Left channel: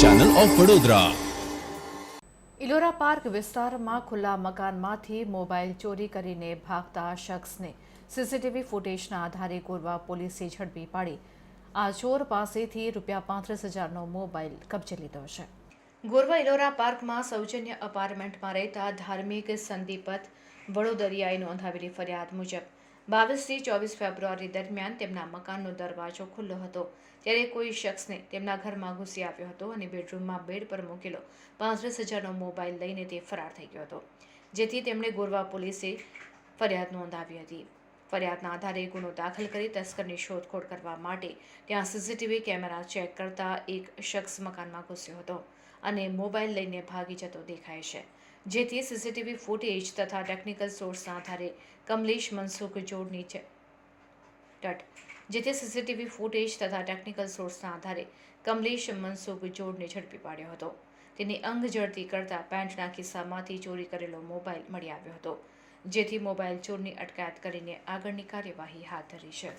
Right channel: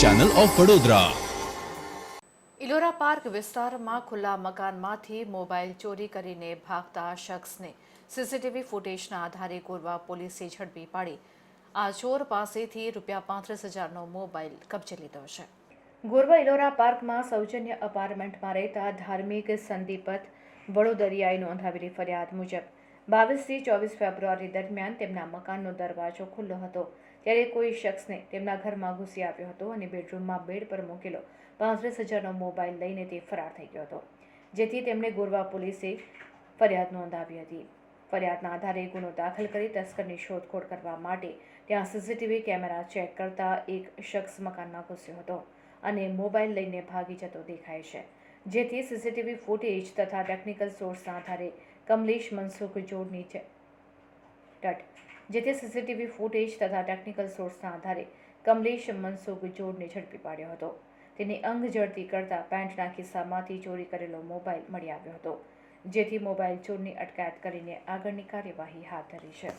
Channel of Vadodara. Ellora park વિસ્તારમાં ખુલ્લા મકાનમાંથી mobile ચોરી કરીને ભાગતા શખ્સને સીસીટીવી ફૂટેજના આધારે ગોરવા પોલીસે ઝડપી પાડી આ ચોર પાસેથી ₹35,000નો મોબાઈલ કબજે લીધો છે। ગોરવા ઇલોરા પાર્કમાં સૌજન્ય અપાર્ટમેન્ટમાં રહેતા ધાર્મિક સંદીપત વડોદરિયાએ નોંધાવેલી ફરિયાદ મુજબ 22થી 24 ફેબ્રુઆરી દરમિયાન તેમના મકાનનો દરવાજો ખુલ્લો હતો ત્યારે કોઈ શખ્સને તેમના ઘરમાં ઘૂસી આવ્યો હતો અને બેડરૂમમાં બેડ પર મૂકેલો 35,000નો મોબાઈલ લઈને તે ફરાર થઈ ગયો હતો, જેથી તેમણે ગોરવા પોલીસે ફરિયાદ નોંધાવી હતી। ફરિયાદના આધારે ગુનો દાખલ કરી તસ્કરની શોધખોળ કરવા માટે ત્યાં સીસીટીવી કેમેરા ચેક કરતા એક શખ્સ મકાનમાં ઘૂસ્યો હતો અને મોબાઈલ લઈને ભાગી જતો દેખાય છે, જેથી સીસીટીવી ફૂટેજ તથા ટેકનિકલ સોર્સના આધારે કમલેશ મનસુખ જોડની ઝડપી પાડ્યો હતો। તેની અંગ જડતી કરતા પેન્ટના ખિસ્સામાંથી ચોરી કરેલો મોબાઈલ મળી આવ્યો હતો, જેથી મોબાઈલ ચોરની અટકાયત કરીને આગળની કાર્યવાહી હાથ ધરી છે।